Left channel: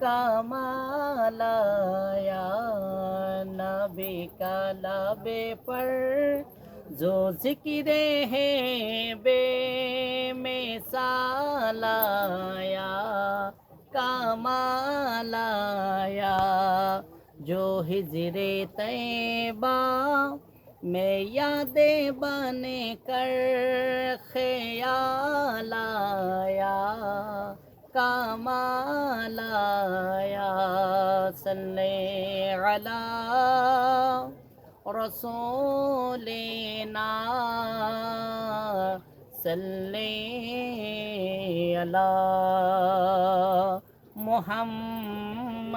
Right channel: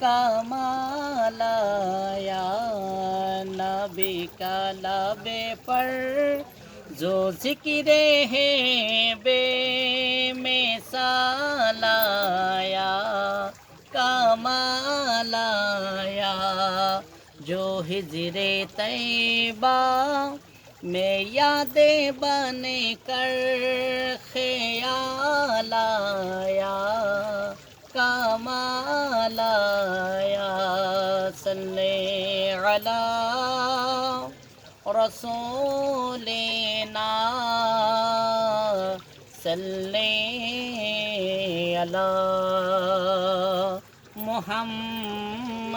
कमालाया नबी का लबे पर। जो ज़िक्र है बे में सालाया कमालाया जो हिजरे तैबा में यादें बने कर ख्यालाया مولاي صل على رسولنا صل على محمد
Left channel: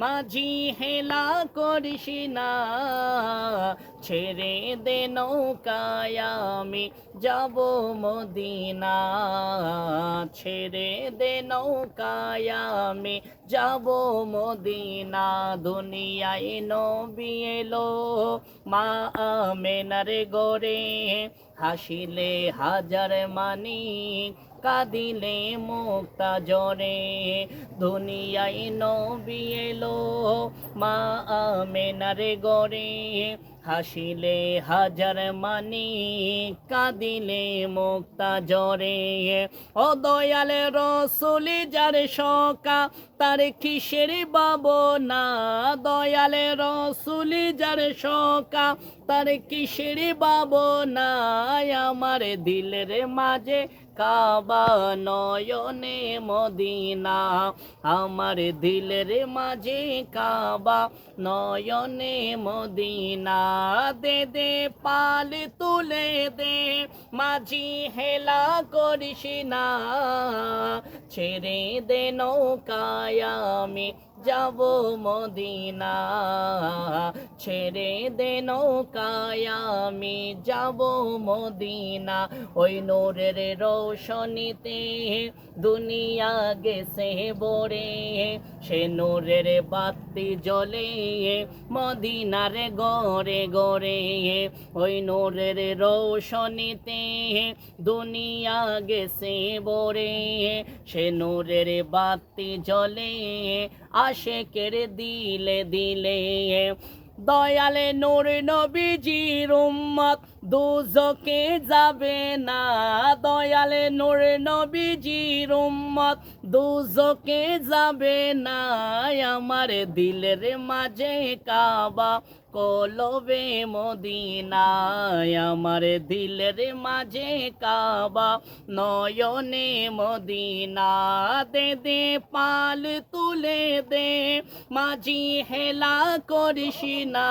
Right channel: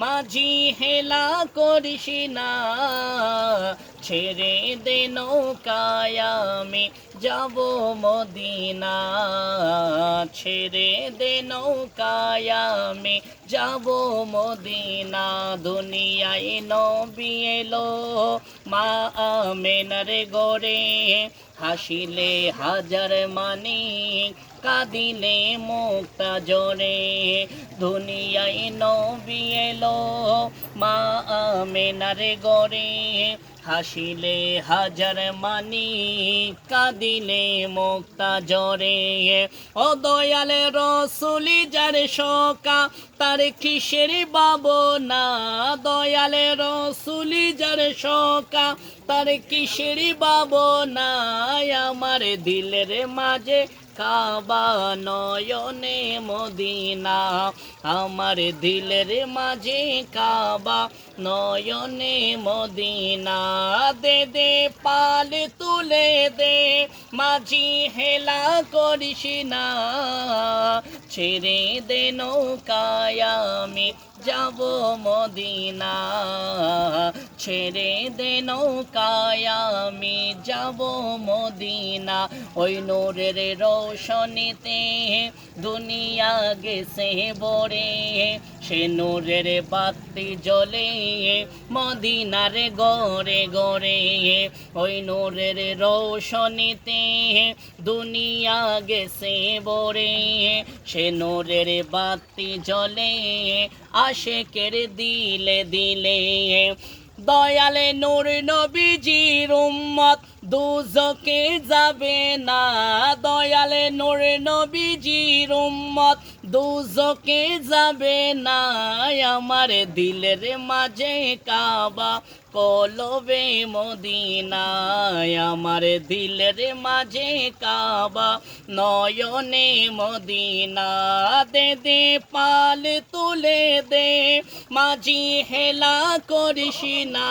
মাঝি হেলা করিস না, ছেড়ে দে নৌকায় আমি যাব মদিনা, ছেড়ে দে নৌকায় আমি যাব মদিনা, দুনিয়ায় নবী এলো মা আমেনারে গড়ে, হাসিলে হাজার মানি কাঁদিলে মুক্তা জরে। দুনিয়ায় নবী এলো মা আমেনারে গড়ে। হাসিলে হাজার মানি, কাঁদিলে মুক্তা জরে। ও দয়াল রসুলি, যার শকা তার কিসের না দয়াল রসুলি, যার শকা তার কিসের না আমার দিলের মাঝে কাবা নয়নে মদিনা, আমার দিলের মাঝে কাবা নয়নে মদিনা। দে দে, পাল তুলে দে, মাঝি হেলা করিস না। ছেড়ে দে নৌকায় আমি যাব মদিনা। ছেড়ে দে নৌকায় আমি যাব মদিনা। ওই নোরের রোশনিতে দুনিয়া গেছে বরে সে নোরের বাতি জ্বলে মদিনার গড়ে গড়ে, ওই নোরের রোশনীতে দুনিয়া গেছে বরে সে নোরের বাতি জ্বলে আশেকের দিলে দিলে, দয়ালে নূর নবীজির উম্মত দুজকে যাবে না, দয়ালে নূর নবীজির উম্মত। দুজকে যাবে না, আমার দিলের মাঝে কাবা, কলবে মদিনায়। আমার দিলের মাঝে কাবা, নয়নে মদিনা। দে দে, পাল তুলে দে, মাঝি হেলা করিস না।